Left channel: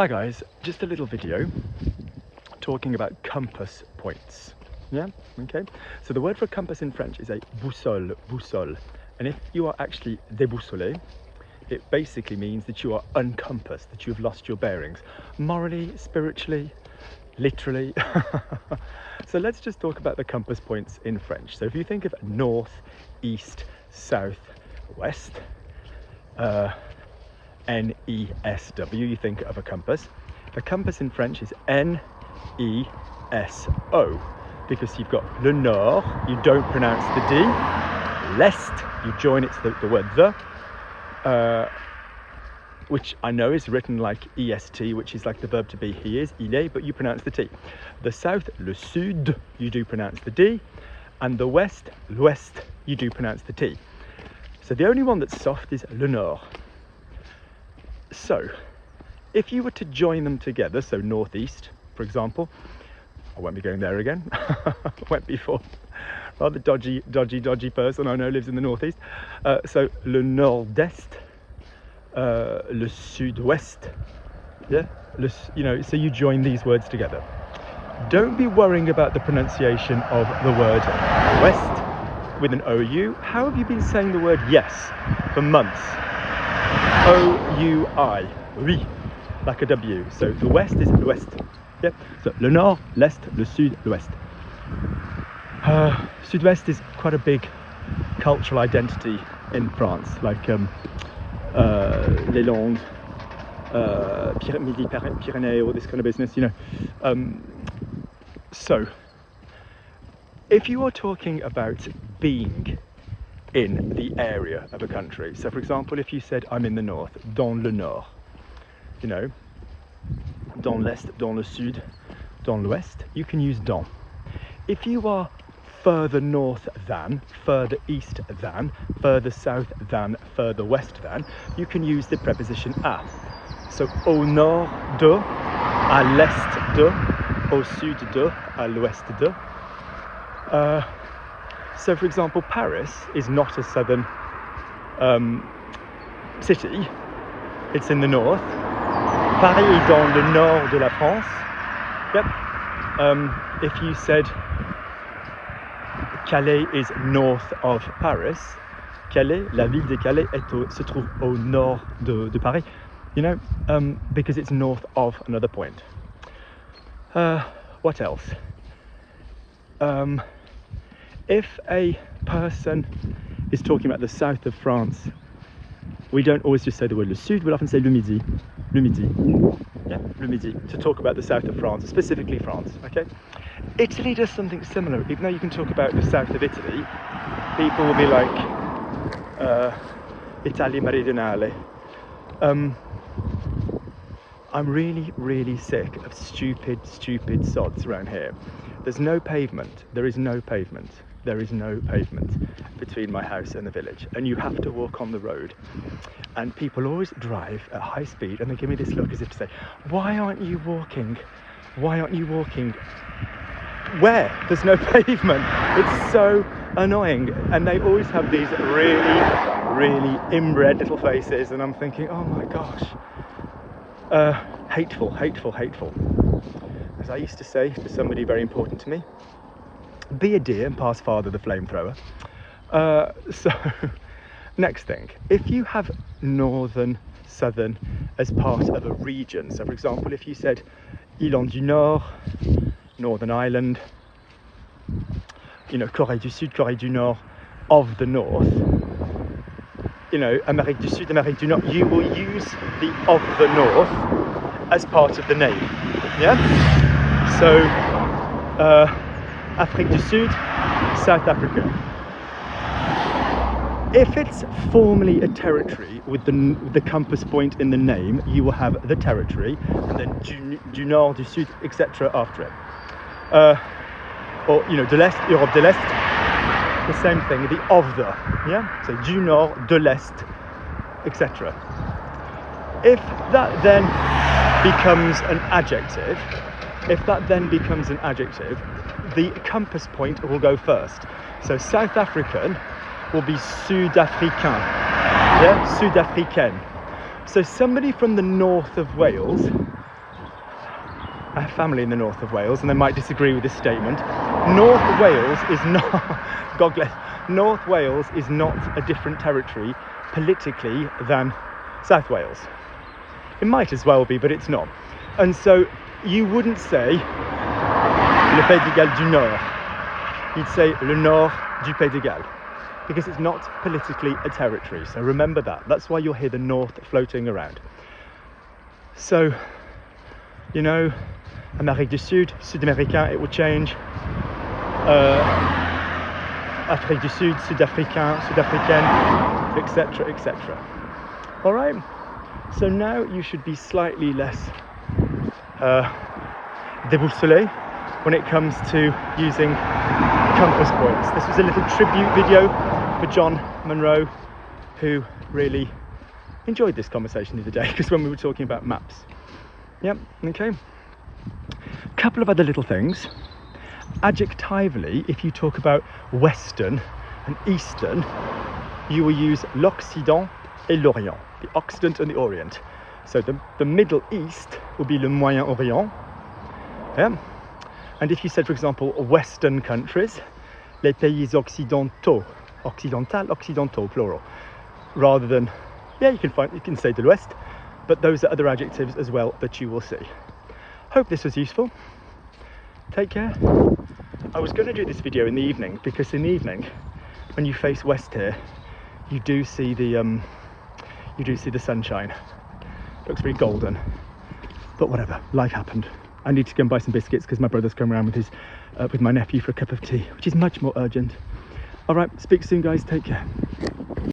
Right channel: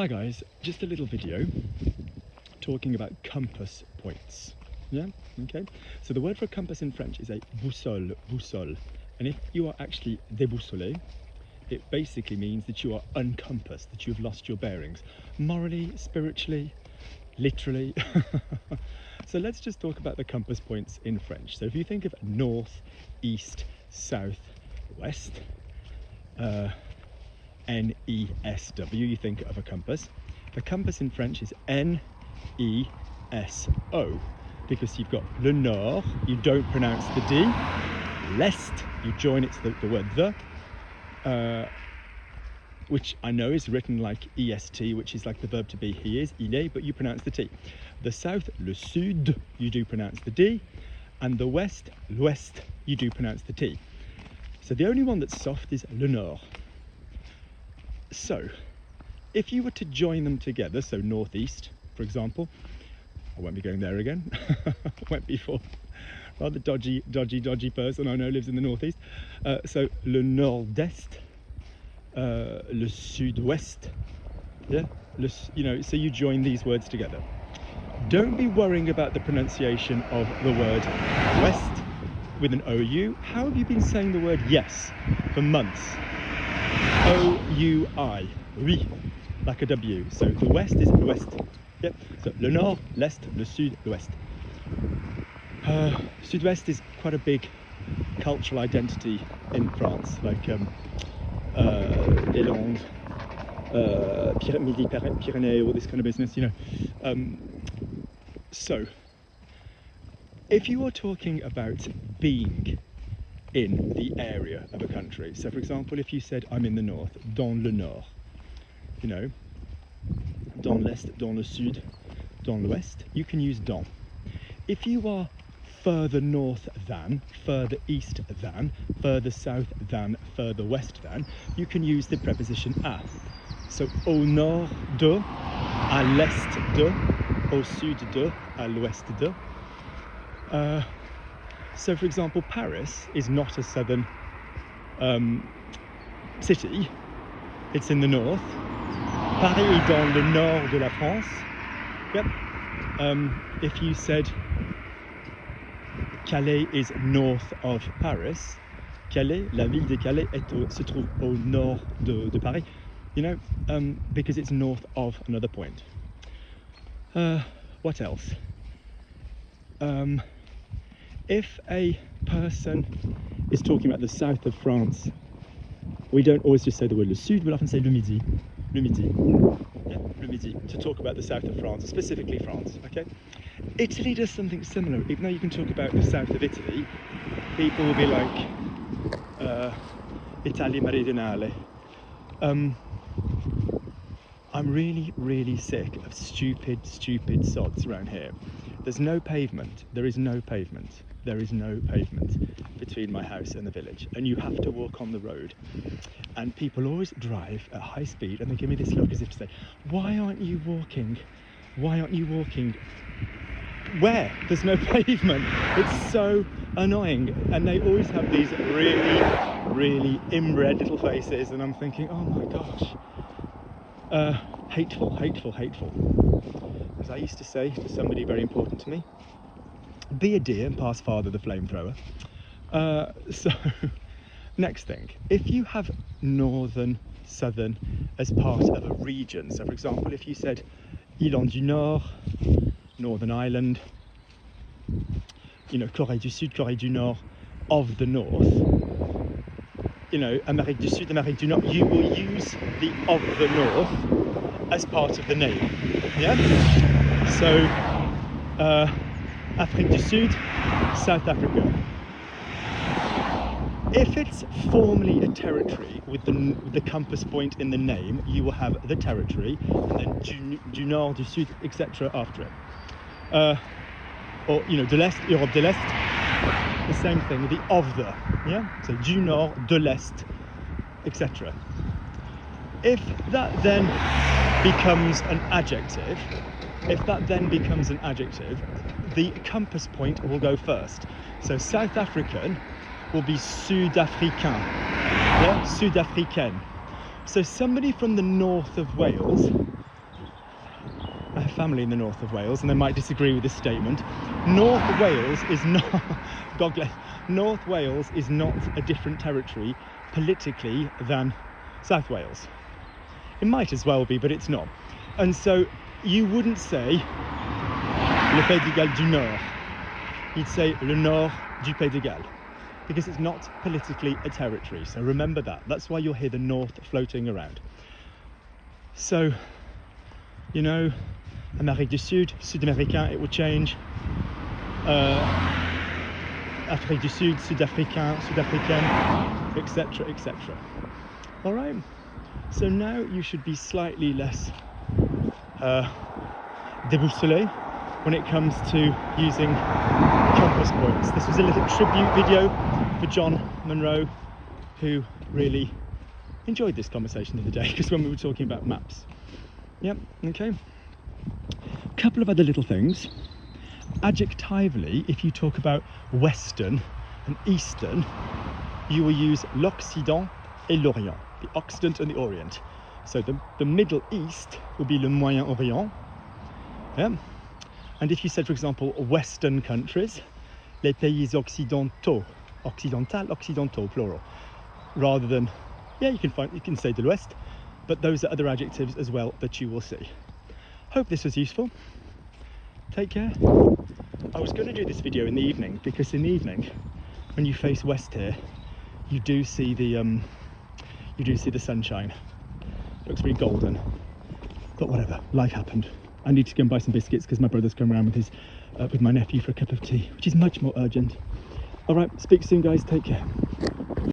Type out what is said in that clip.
Hi guys, just a little video talking about compass points. Yeah, okay. So the word for compass in French is a boussole, boussole. And if you are actually déboussolé, it basically means that you are uncompassed, that you've lost your bearings, morally, spiritually, literally. So let's just talk about the compass points in French. So if you think of north, east, south, west, N-E-S-W, you think of a compass. A compass in French is N-E-S-O, because you've got le nord, you don't pronounce the D, l'est, you join it to the word the, which I know is written like E-S-T, which is like the verb to be, he is, il est, but you pronounce the T. The south, le sud, you do pronounce the D, and the west, l'ouest, you do pronounce the T. So the only one that's soft is le nord. So if you were to join them together, so northeast, for example, I won't be going there again, went before, rather dodgy person I know lives in the northeast. So le nord-est, le sud-ouest, yeah, so you join these words together. Don't be worrying about the pronunciation of the word west with an OU. How have you been saying the word yes for months? O-U-I, oui, like a W. So the west is l'ouest. Yep. So le nord, l'est, le sud, l'ouest. Sud-ouest is quite a big cultural identity in France, like les Landes, Midi-Pyrénées, all this kind of business, you know. So if you are talking about being in the area of a country, so for example, if you said I'm in the north, dans le nord, you know, dans l'est, dans le sud, dans l'ouest, you can use dans. If you are further north than, further east than, further south than, further west than, you can use the preposition à. So au nord de, à l'est de, au sud de, à l'ouest de. So for example, Paris is not a southern city, it's in the north. Paris est dans le nord de la France. Yep. If you said Calais is north of Paris, Calais, la ville de Calais se trouve au nord de Paris, you know, because it's north of another point. What else? If a person is talking about the south of France, we don't always just say the word le sud, we'll often say le midi. Le midi. Yeah, le midi, to talk about the south of France, specifically France, okay? Italy does something similar. Even though you can talk about the south of Italy, people will be like, Italia meridionale. I'm really sick of stupid sods around here. There's no pavement. There is no pavement. There is no pavement between my house and the village, and you have to walk on the road. And people always drive at high speed and they give me this look as if to say, why aren't you walking? Why aren't you walking? Where? There's no pavement. It's so annoying. And they always have these really inbred little faces, and I'm thinking, oh my gosh. Hateful. As I used to say to somebody very important to me, be a dear and pass father the flamethrower. So next thing, if you have northern, southern as part of a region, so for example, if you said Île du Nord, Northern Ireland, you know, Corée du Sud, Corée du Nord, of the north, you know, Amérique du Sud, Amérique du Nord, you will use the of the north as part of the name, yeah? So, Afrique du Sud, South Africa. If it's formally a territory with the compass point in the name, you will have the territory, and then du Nord, du Sud, etc. after it. Or, you know, de l'Est, Europe de l'Est, the same thing, the of the, yeah? So du Nord, de l'Est, etc. If that then becomes an adjective, the compass point will go first. So South African will be Sud-Africain, yeah, Sud-Africaine. So somebody from the north of Wales I have family in the north of Wales, and they might disagree with this statement. North Wales is not Gogledd. North Wales is not a different territory politically than South Wales. It might as well be, but it's not. And so you wouldn't say le Pays de Galles du Nord. You'd say le Nord du Pays de Galles, because it's not politically a territory. So remember that. That's why you'll hear the north floating around. So, you know, Amérique du Sud, Sud-Américain, it will change. Afrique du Sud, Sud-Africain, Sud-Africaine, etc., etc. All right. So now you should be slightly less déboussolé when it comes to using compass points. This was a little tribute video for John Munro, who really enjoyed this conversation the other day, because when we were talking about maps. Yep, okay. Couple of other little things. Adjectively, if you talk about Western and Eastern, you will use l'Occident et l'Orient, the Occident and the Orient. So the Middle East will be le Moyen-Orient. Yeah. And if you said, for example, Western countries, les pays occidentaux, occidentaux, plural, rather than, yeah, you can say de l'Ouest, but those are other adjectives as well that you will see. Hope this was useful. Take care. I was going to do this video in the evening, because in the evening, when you face west here, you do see the sunshine. Looks pretty golden. But whatever, life happened. I need to go and buy some biscuits because my brother's come around with my nephew for a cup of tea, which is much more urgent. All right, speak soon, guys. Take care.